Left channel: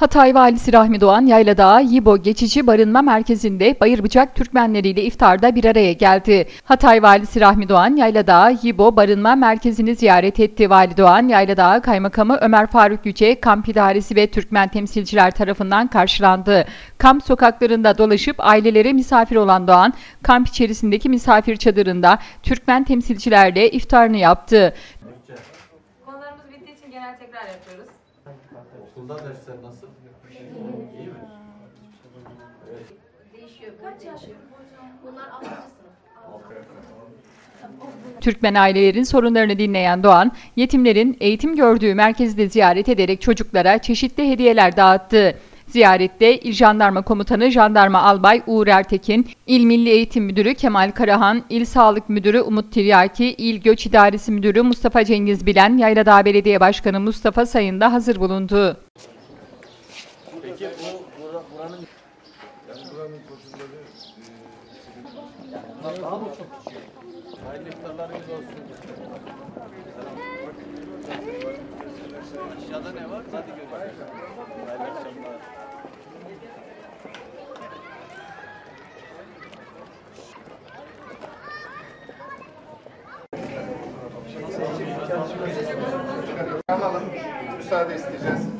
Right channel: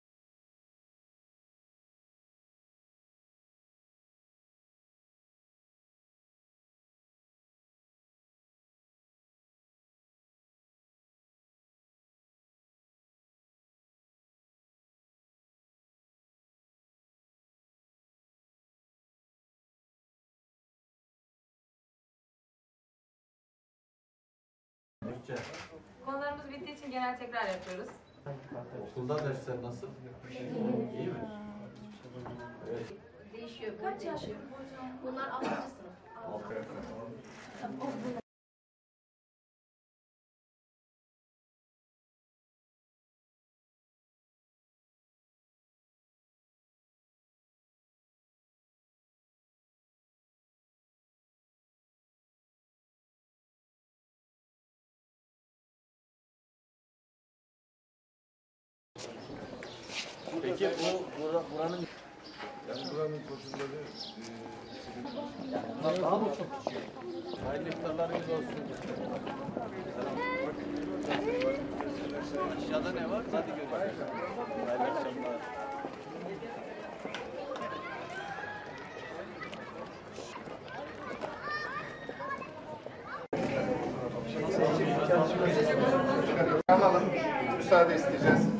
Hatay Valisi Rahmi Doğan, Yayladağ Yibo Geçici Barınma Merkezi'nde Bayırbıçak Türkmenleriyle iftarda bir araya geldi. Hatay Valisi Rahmi Doğan, Yayladağ Yibo Barınma Merkezi'ni ziyaret etti. Vali Doğan, Yayladağ Kaymakamı Ömer Faruk Yüce, kamp idaresi ve Türkmen temsilciler tarafından karşılandı. Kamp sokaklarında dolaşıp ailelere misafir olan Doğan, kamp içerisindeki misafir çadırında Türkmen temsilcilerle iftarını yaptı. Konularımız bittiği için genel tekrar yapıyoruz. Okulda dersler nasıl? İyi mi? Evet. Değişiyor. Kaç yaş? Bunlar 6. sınıf. Türkmen ailelerin sorunlarını dinleyen Doğan, yetimlerin eğitim gördüğü merkezi de ziyaret ederek çocuklara çeşitli hediyeler dağıttı. Ziyarette İl Jandarma Komutanı Jandarma Albay Uğur Ertekin, İl Milli Eğitim Müdürü Kemal Karahan, İl Sağlık Müdürü Umut Tiryaki, İl Göç İdaresi Müdürü Mustafa Cengiz Bilen, Yayladağ Belediye Başkanı Mustafa Sayın da hazır bulundu. Peki buranın koşulları daha mı çok küçük? Hayırlı iftarlarınız olsun. Aşağıda ne var? Hadi görüşürüz. Hayırlı akşamlar. Alalım. Müsaade isteyeceğiz.